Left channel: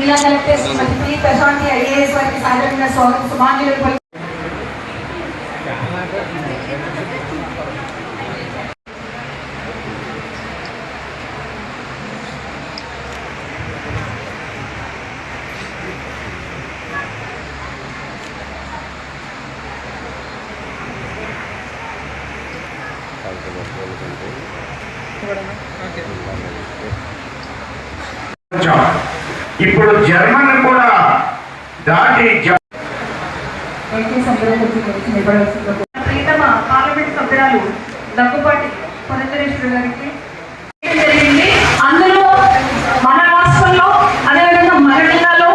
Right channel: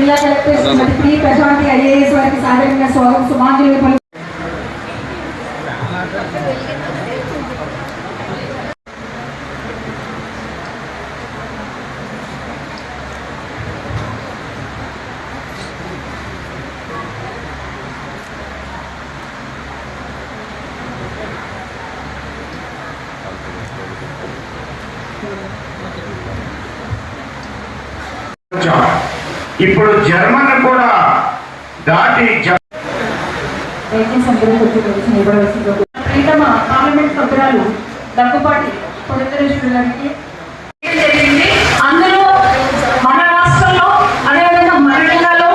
జిల్లా collector Srimathi Prashanthi IAS వారికి సాధారణ స్వాగత. సమాఖ్యలు ఇప్పుడు జర్మన్ కూడా దాటి జ- ప్రీతమ పార్లమెంట్ సభ్యురాలు దగ్గుపాటి పురంధరేశ్వరి గారికి ఏం జరిగింది అందులో మన రాష్ట్రంలో అదేవిధంగా మహిళలలో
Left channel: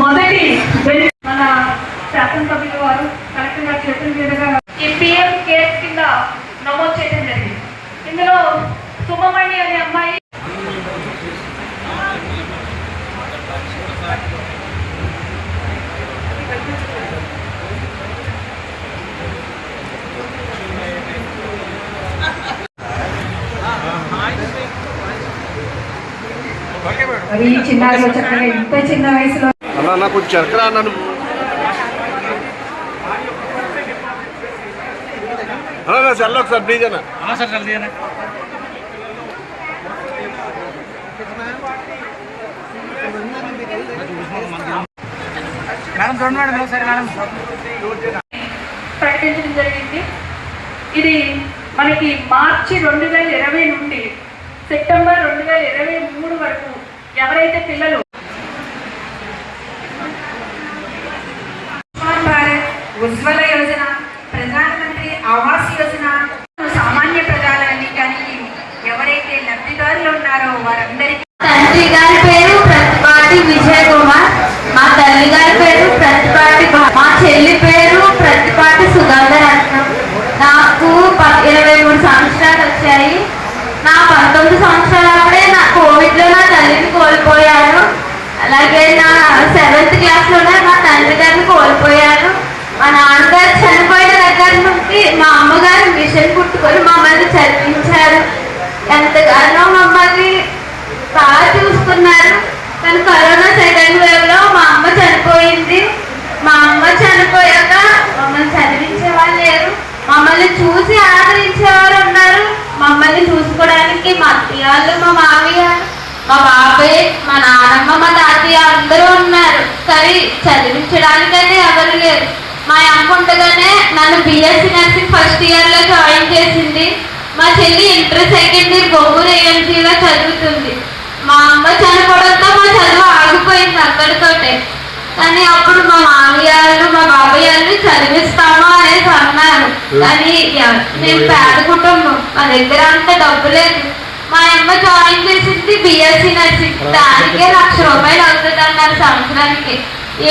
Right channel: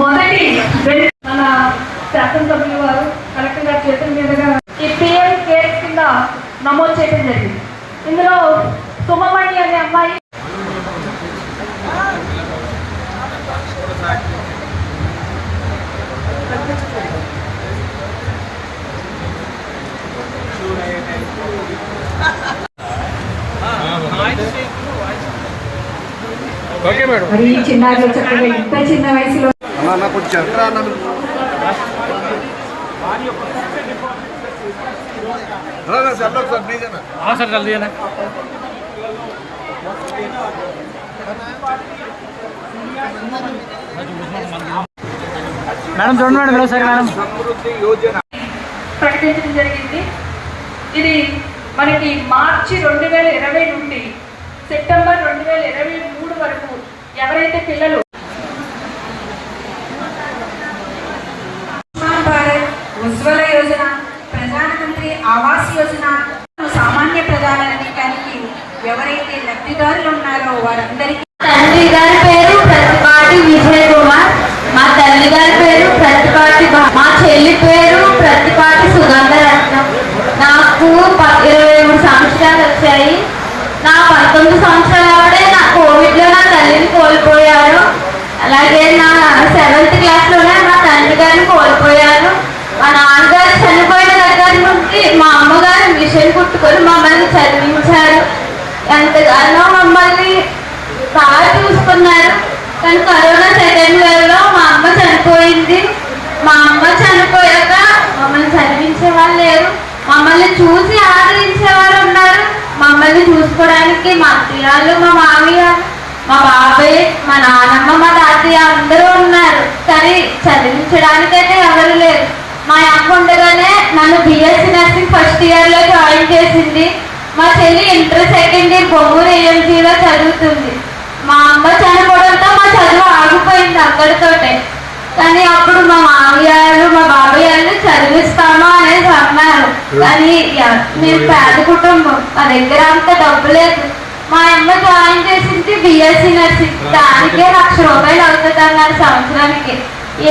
మొదటి బెంచ్ మన శాసనసభ్యుల వారు కలెక్టర్ గారి చేతుల మీదుగా ఈ పిఎం కేర్స్ కింద నమోదు చేయడం జరిగింది ఇందులో సుమమణి అనే అమ్మాయి ఇలాగ చక్కగా ఇంత చిన్న వయసులో ప్రకటించడం జరిగింది. ఇది మనకి మార్చి రెండు వేల ఇరవై నుండి సెప్టెంబర్ రెండు వేల ఇరవై మూడు వరకు ఎవరైతే పిల్లలు ఆయుష్మాన్ భారత్ ఉజ్వల యోజన ప్రధానమంత్రి ఆవాస్ యోజన సామాన్య ప్రజానికి ఎవరైతే లబ్ధిదారులు ఉన్నారో వారందరికీ తండ్రి గారి పేరు ప్రతిపాటి విజయ్ కుమార్ మా తల్లి గారి పేరు ప్రతిపాటి భా- మా చెల్లి పేరు ప్రతిపాటి సుగంధరత్నం నాకు ప- ఇరవై మూడు సంవత్సరాలు వచ్చాయి నా పంతొమ్మిది సంవత్సరాలప్పుడే నా కోవిడ్లో నా తల్లిని కోల్పోయాను అలాగే నా సెవెంత్ క్లాస్లోనే మా తండ్రి గారిని కోల్పోయాను మా నాన్నగారు చనిపోయిన దగ్గర నుండి మా అమ్మగారు మిషన్ కుట్టుకొని మమ్మల్ని చదివించారు ఎంతగానో మమ్మల్ని బాగా చూసుకున్నారు కానీ కరోనా సెకండ్ వేవ్లో మా అమ్మ చనిపోయింది మా అమ్మ చనిపోయాక మమ్మల్ని చదివించే వాళ్ళు లేరు మమ్మల్ని చూసి ఆదరించేవారు ఉన్నారు మమ్మల్ని చూసుకోవడానికి వాళ్ళు మా మామయ్య మా బాబాయ్ మా నాన్నమ్మ మా తాతయ్య అందరూ ఉన్నారు. కానీ చదివించడానికైతే ఎవరు లేరు. మా అమ్మ ఉండగానే నన్ను బిఎస్సి నర్సింగ్ ఫస్ట్ ఇయర్లో జాయిన్ చేసింది. మా చెల్లి ఇంటర్ సెకండ్ ఇయర్ బొమ్మూరు ఏఎంసీలో చదువుతుంది. మా అమ్మ చనిపోవడంతో మా చదువు ఆగిపోయింది అక్కడితోటే. కానీ అప్పుడు మా మామయ్యలు మా బాబయ్యలు చదివిస్తామా అనేది అన్నారు. కానీ మేము పేద కుటుంబం. మా దగ్గర అంత డబ్బు లేదు. మా అమ్మ జాయిన్ చేసింది బిఎస్సీ నర్సింగ్. దానికే లక్ష రూపాయలు అవుతుంది సంవత్సరానికి.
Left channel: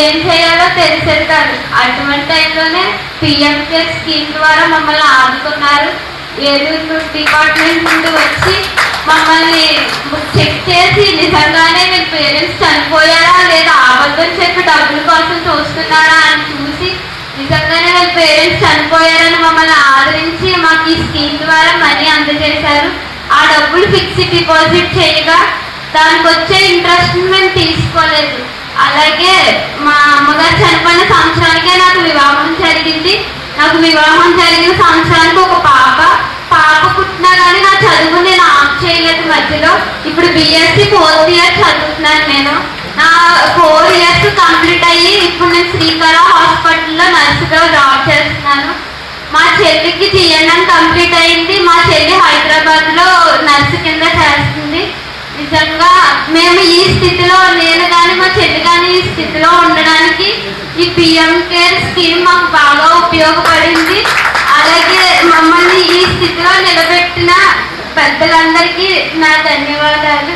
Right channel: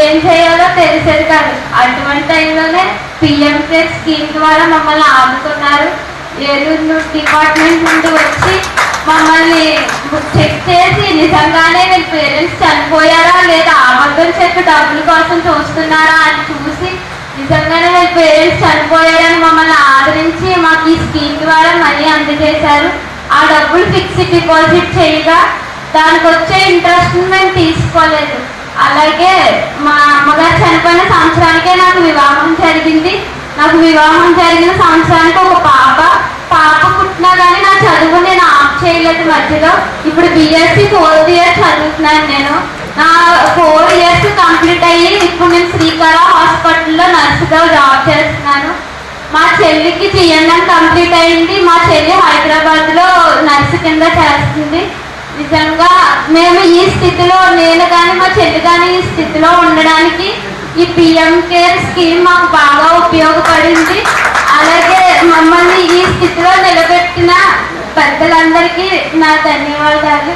ఏం చేయాలో తెలిసేది కాదు. అటువంటి టైంలోనే పిఎం కేర్ స్కీమ్ ద్వారా మమ్మల్ని ఆదుకున్నారు. ఏలూరు డిపార్ట్మెంట్ నుండి వచ్చి మమ్మల్ని చెక్ చేసి నిజంగానే మీ పేరెంట్స్ చనిపోయారా లేదా అబద్ధం చెప్పి డబ్బుల కోసం చూస్తున్నారా అని చూసి నిజంగానే మీ పేరెంట్స్ చనిపోయారని మమ్మల్ని ఆదరించి మాకు ఈ స్కీమ్ ద్వారా మనీ అందజేశారు. డబ్బులు ఫిక్స్డ్ డిపాజిట్ చేయగా దానికి వచ్చే ఇంట్రెస్ట్ మేము తీసుకోలేదు. అలాగే మా అమ్మగారు చనిపోయిన సంవత్సరానికే నాకు వివాహం జరిగింది. నాకు వివాహం జరిగిన సంవత్సరానికి ఒక పాప పాప పుట్టినా కానీ నా చదువు నేను ఆఫ్ చేయలేదు మధ్యలో. ఇప్పుడు బిఎస్సి ఫోర్త్ ఇయర్ చదువుతున్నాను నేను. నా ఫోర్ ఇయర్స్ కంప్లీట్ అయ్యి ఇప్పుడు నేను శ్రీకర హాస్పిటల్లో నర్సుగా జాబ్ చేస్తున్నాను. మా చెల్లికి జిఎన్ఎం కంప్లీట్ అయింది. మా చెల్లి హైదరాబాద్ కింద చేస్తుంది. నిజంగా మేము ఈ స్థితిలో నేను కానీ మా చెల్లి కానీ ఈ స్థితిలో ఉండడానికి ఈ పిఎం కేర్ స్కీమ్ మాకు బాగా ఉపయోగపడింది. అలాగే మమ్మల్ని ఈ స్థితిలో నిలబెట్టిన పెద్దలందరికీ నా ధన్యవాదాలు.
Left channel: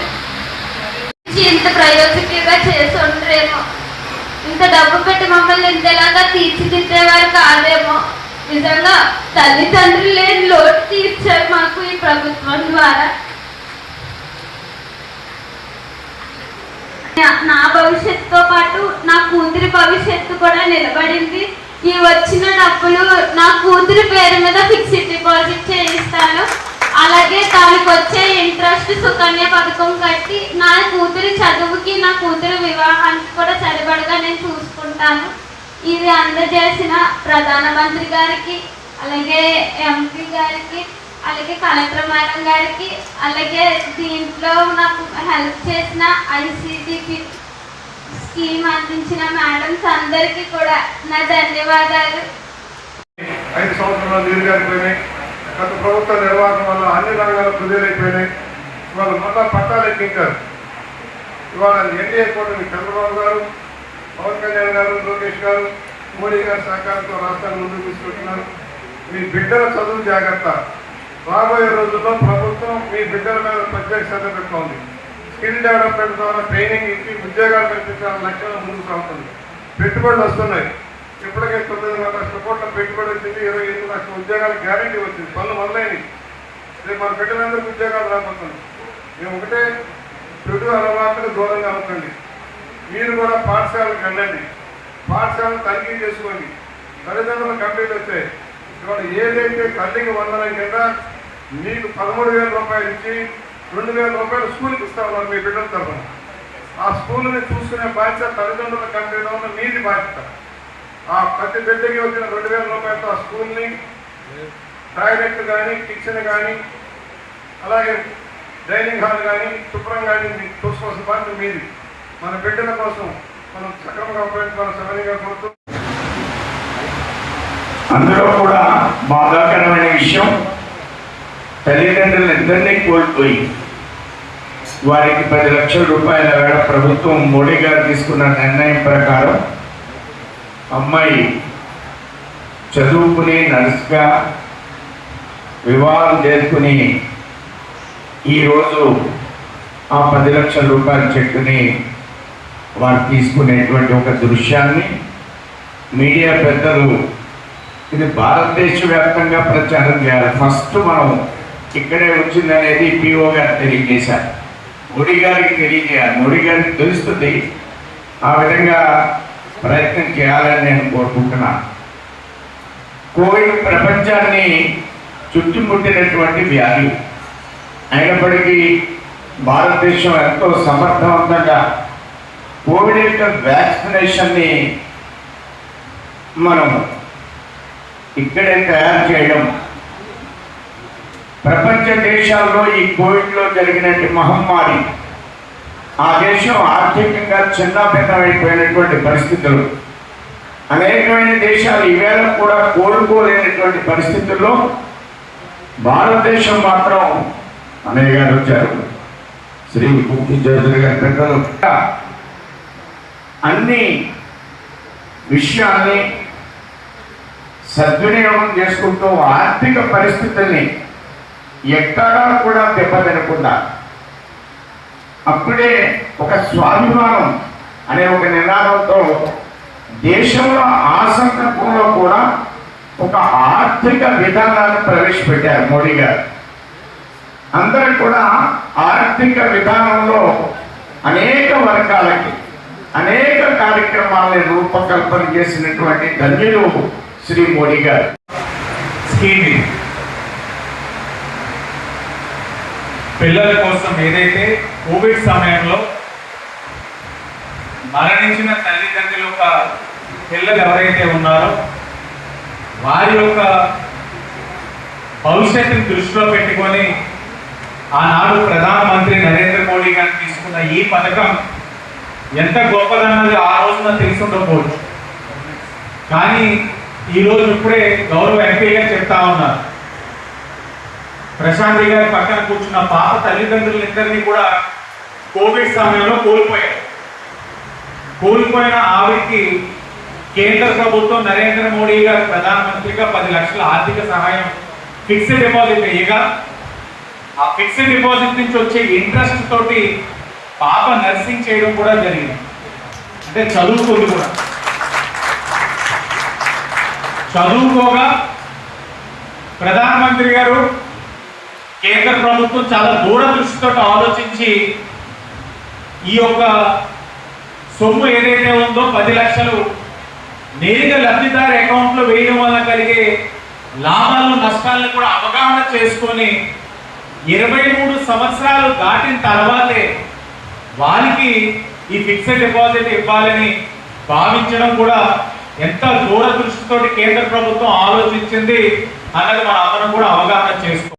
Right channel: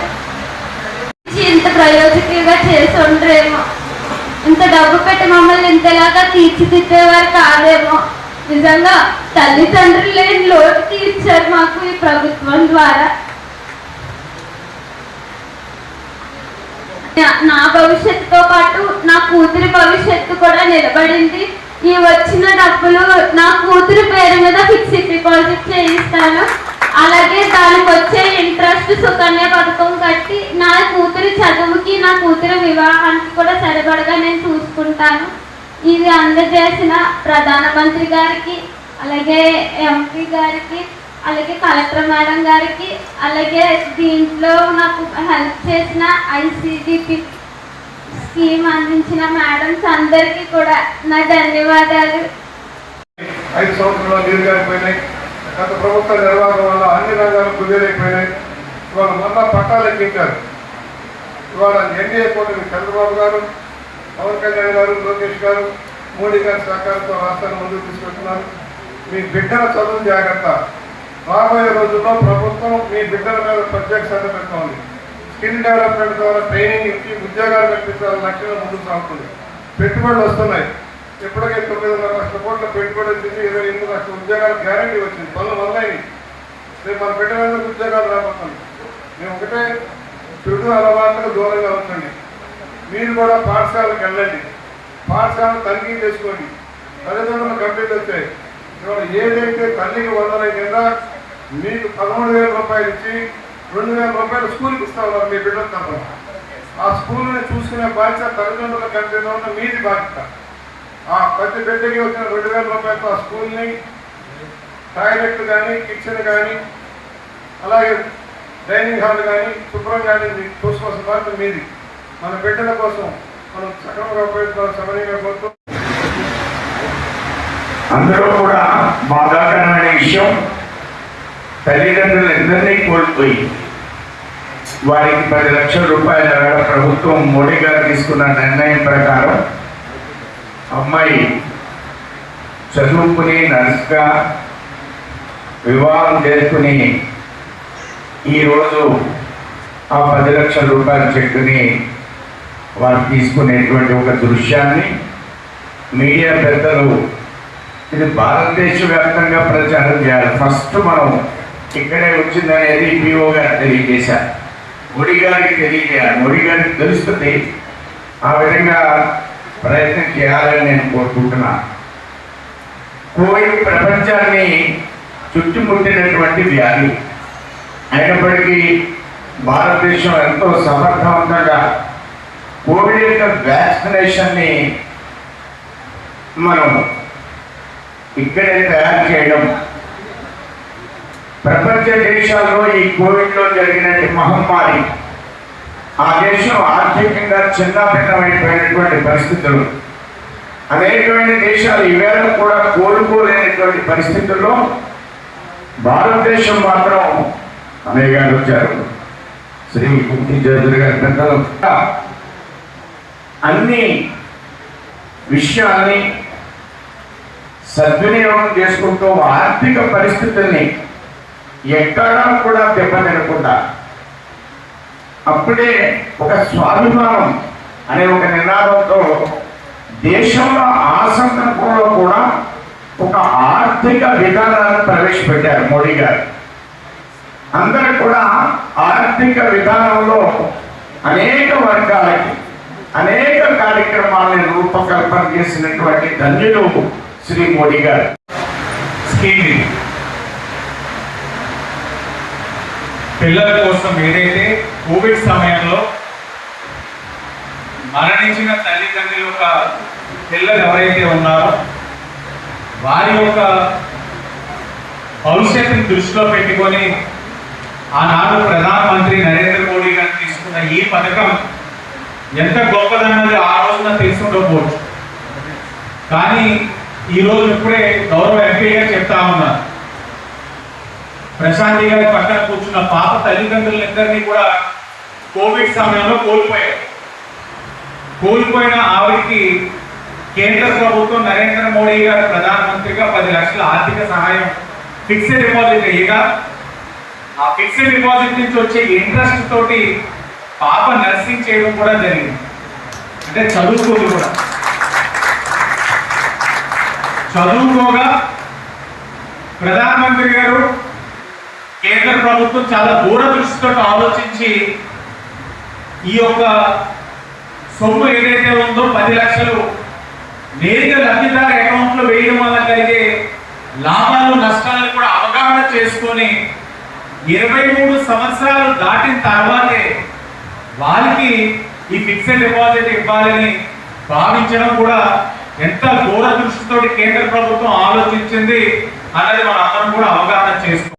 ఇంత ప్రయోజకంగా చేసి ఉండరేమో. ఇంత డబ్బు పెట్టి మమ్మల్ని ఇంతలాగా తీర్చిదిద్దేవారు కాదేమో. నిజంగా తల్లిదండ్రులు లేని లోటు తీర్చారు మాకు ఈ ప్రభుత్వం ద్వారా. నా- భవిష్యత్తుతో పాటు నా కూతురి భవిష్యత్తు కూడా నిలబడింది. ఈ వచ్చిన డబ్బులు నా కూతురి పేరు మీద ఫిక్స్డ్ డిపాజిట్ చేయిస్తాను. అలాగే దానికి వచ్చే ఇంట్రెస్ట్ సుకన్య పథకం కట్టి నా కూతురి చదువుకి నా కూతురి వివాహానికి కూడా సరిపడగా నేను చూసుకుంటాను. ఇది అందజేసిన ప్రధానమంత్రి గారికి అలాగే ఎంపీ గారికి అలాగే కలెక్టర్ మేడం గారికి అలాగే దీంట్లో నాకు హెల్ప్ చేసిన ఐసిడిపి స్కీమ్ అందించిన మేడమ్స్ అందరికీ కూడా నా ధన్యవాదాలు. ఐదు సంవత్సరాల దీర్ఘాయిపోయినాయి గత ప్రభుత్వ నిర్వహణ వల్ల అన్ని రంగాలు కుదేలైపోయినాయి. ఇవాళ మళ్ళా పట్టాలు ఎక్కించారు. ఇవాళ ఎన్డీఏ కూడా మీ చంద్రబాబు గారు పవన్ కళ్యాణ్ గారు లోకేష్ గారు మోడీ గారి సహకారంతో రాష్ట్రాన్ని ముందుకు తీసుకెళ్తున్నారు. మీ బిడ్డల చదువు జాగ్రత్త. రాబోయే రోజుల్లో ప్రభుత్వం మీ బిడ్డల మీద ప్రత్యేక శ్రద్ధ పెడుతోంది స్కిల్ డెవలప్మెంట్ ద్వారా ట్రైనింగ్ ఇచ్చి ఉద్యోగాలు కల్పించాలని లక్ష్యంగా ముందుకు సాగుతుంది. పెట్టుబడులు వస్తున్నాయి. ఎప్పటికైతే తొమ్మిదిన్నర లక్షల కోట్ల పెట్టుబడి వచ్చింది. ఇరవై ఎనిమిది లక్షల ఉద్యోగాలు గ్యారంటీ వచ్చింది. పనులు మొదలైనవి రేపు మన బిడ్డలందరికీ ఉద్యోగాలు రాబోతున్నాం మేము ఒకటే చెడు అలవాట్లకు దూరంగా ఉండండి. మీరు కూడా పాఠశాలకు వెళ్ళండి. పాఠశాలను తనిఖీ చేసుకోండి. తల్లిదండ్రులు కంప్లీట్ వచ్చాయి. ఇవాళ ఏదైతే తల్లికి వందల కింద మీకు పదమూడు వేల రూపాయలు ఇచ్చి రెండు వేల రూపాయలు స్కూల్కి ఇస్తామన్నారు మీ బిడ్డల తరఫున ఆ స్కూల్ని చూసుకునే బాధ్యత తల్లిదండ్రుల కంపెనీలో ఉన్న మీది బాధ్యత. ఆ ప్రతి బిడ్డకి వచ్చిన రెండు వేల రూపాయలతో ఆ స్కూల్ని టాయిలెట్ కానీ కిచెన్ కానీ అలాగే డైనింగ్ హాల్ కానీ శుభ్రం కానీ మీకు చూసుకోవాల్సిన బాధ్యత మీది. మన బిడ్డల కోసం మనం సక్రమంగా ఉపయోగించుకోవాల్సిన సమయంగా కోరుతూ అందులో కూడా బాధాకరమైన విషయం తల్లిదండ్రులు ఇద్దరినీ కోల్పోయి వారికి పది లక్షల రూపాయల ప్రభుత్వం మోడీ గారు తీసుకున్న నిర్ణయం ప్రకారం అమ్మాయి చదువుకుని నర్స్గా వివాహం చేసుకుని ఈరోజు ఆ పది లక్షల రూపాయల చెక్కుని వారు తీసుకునేటువంటి ఒక దృశ్యాన్ని మీడియా పెద్దలు ఇది భారతదేశ వ్యాప్తంగా ప్రచారం చేయాలి. ఫస్ట్ మనం ఇక్కడే వచ్చిందనేది పిఓ గారు తెలియజేశారు. ముడి గారికి తెలియజేయాలి. ముడి గారికి తెలుస్తుంది ఆ విధంగా ప్రయత్నం చేయాలని నేను కోరుకుంటున్నాను కోవిడ్ ప్రపంచాన్ని చుట్టుముట్టినటువంటి వ్యాధి. అయినప్పటికీ భారతదేశం ఎంతో సమర్థవంతంగా కోవిడ్ యొక్క వ్యాక్సినేషన్ని మనం ఇక్కడే తయారు చేయడం ప్రపంచ దేశాల్లో ఈ కోవిడ్లో జరిగినటువంటి మహమ్మారి ఆ దేశం ఆర్థికంగా చిన్నభిన్నమైపోయినటువంటి పరిస్థితులు. అనేకమైన దేశాలు ఈవేళ కూడా కోలుకోలేనటువంటి పరిస్థితుల్లో భారతదేశం మాత్రం అనేక గారు వచ్చారు. శ్రీ కుట్టి గారి పెద్దలు. అన్ని విషయాన్ని సద్వినియోగం చేసుకుంటూ ఆర్థిక పరిస్థితుల్ని ఎక్కడా కూడా దెబ్బతినకుండా అప్పుడే ఒక స్వాభిమానం అనే ఒక నినాదంతో దేశంలో ఆ సందర్భంలో కూడా ఒక ఆర్థిక విధానాన్ని ప్రవేశపెట్టారు మోడీ గారు. అందరూ కూడా ఆర్థిక విధానంలో అనేక వర్గాలకి అనేక కార్యక్రమాలను రూపకల్పన చేసినటువంటి ధన్యులు శ్రీ మోడీ గారు. స్కీమ్ ఇది. పిల్లల కోసం ఏదైతే కోవిడ్ సమయంలో మరణించిన తల్లిదండ్రుల యొక్క పిల్లలు ఎవరైతే ఉన్నారో వారి యొక్క భవిష్యత్తుని దృష్టిలో పెట్టుకొని ఆనాడు ప్రధానమంత్రి నరేంద్ర మోడీ గారు తీసుకున్న ఈ పథకం ఎంత గొప్పదన్నది ఆ రోజున తెలుసుకుండకపోవచ్చు కానీ ఈ రోజు ఇప్పుడే గౌరవ ఎంపీగా చెప్తా ఉన్నారు. ప్రశాంతి గారి పక్కన కూర్చున్న పాప తల్లిదండ్రులందరినీ కూడా కోవిడ్ సమయంలో కోల్పోయారు. కోల్పోయిన ఆవిడకి కేంద్ర ప్రభుత్వం నరేంద్ర మోడీ గారు ప్రధానమంత్రిగా పది లక్షల ఆర్థిక సహాయం ఫిక్స్డ్ డిపాజిట్ అయ్యగా ఆ ఫిక్స్డ్ డిపాజిట్ నుంచి వచ్చే ఇంట్రెస్ట్ తోటి పాప నర్సింగ్ చేయడం కూడా జరిగింది. అంటే చదువుకోదు కూడా. చదువుకోగా ప్రధానమంత్రి గారు కేంద్ర ప్రభుత్వం చాలా దూరదృష్టితో ఆలోచించి ఈ యొక్క సొమ్ము ఏదైతే ఉందో పది లక్షలు నేరుగా లబ్ధిదారు అకౌంట్లో వేయడం వల్ల కలిగే లాభాలు నష్టాలను కూడా అవగాహన చేసుకొని ఇరవై మూడు సంవత్సరాలు దాటిన తర్వాతే వారికి ఈ ఫిక్స్డ్ డిపాజిట్ ఇవ్వాలని భావించడం కూడా ఎంత దూరదృష్టితో కేంద్ర ప్రభుత్వం ఆలోచించింది అనేది మనం అందరం కూడా అవగాహన చేసుకోవాలి.